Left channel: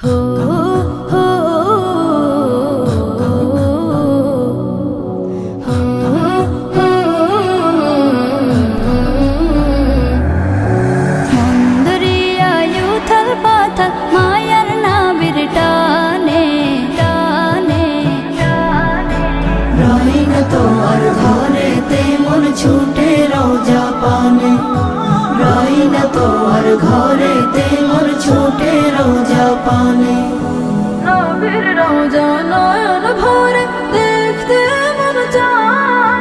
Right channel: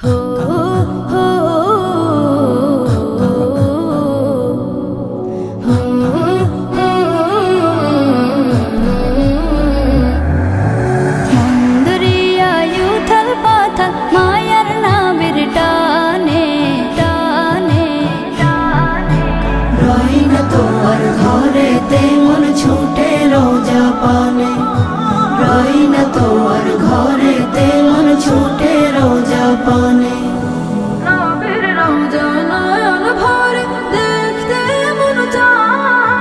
हो हो हो हो মন্দরিয়ায়ু থাল পাথাল মায়ার নাবির টানে টানে রই না তোর ঘরেতে মন ছুটে রোজা পানে রই না তোর ঘরেতে মন ছুটে রোজা পানে নবীর রোজা নয়ন ভরে দেখতে মন চায়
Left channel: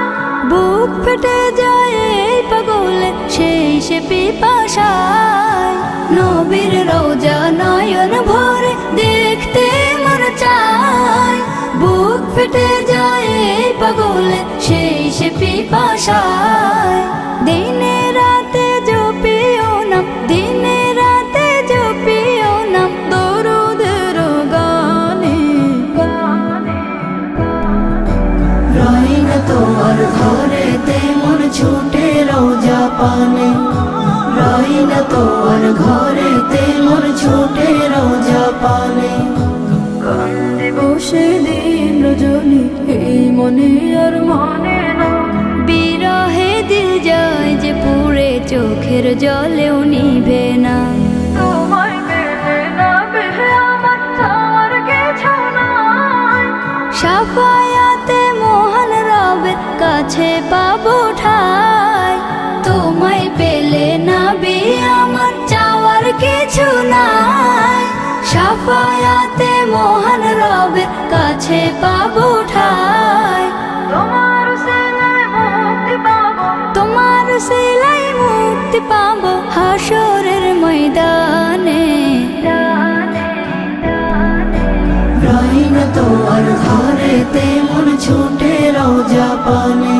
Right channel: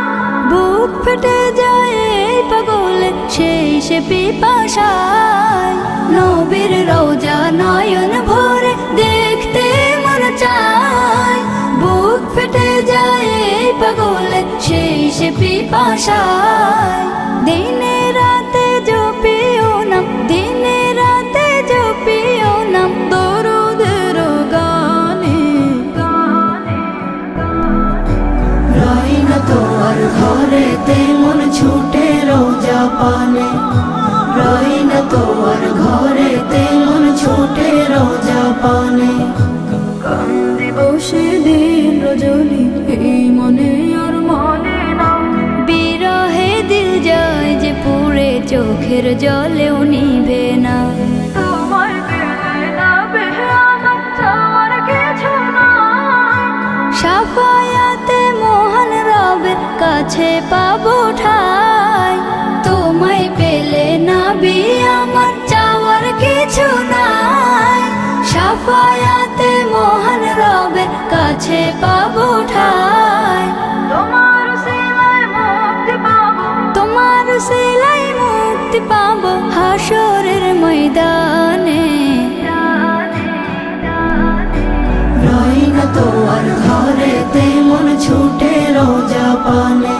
বুক ফেটে যায় এই পাগলে সেই সে পিপাসায় নবীর রোজা নয়ন ভরে দেখতে মন চায় বুক ফেটে যায় এই পাগলে সেই সে পিপাসায় দিনে রাতে জপিও নাম দিনে রাতে জপিও নাম দরুদের গানে রই না তোর ঘরেতে মন ছুটে রোজা পানে রই না তোর ঘরেতে মন ছুটে রোজা পানে কান্দে বসে দিন রজনী এই মনে আর মনে না বিরহে দিল যায় যে পুরে চোখের জলেও নিভে না তোমায় পেলে না বেহে আমার চাওয়ার কিছু নাই শাফায়াতে মহান রবের কাছে পাবো ঠাই তোমায় পেলে না বি আমার চাওয়ার কিছু নাই শাফায়াতে মহান রবের কাছে পাবো ঠাই তোমার সেলাই মুক্তি পাবো হাসরের ময়দানে রই না তোর ঘরেতে মন ছুটে রোজা পানে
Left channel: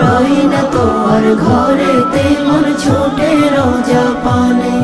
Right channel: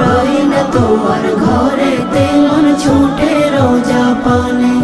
রই না তোর ঘরেতে মন ছুটে রোজা পানে।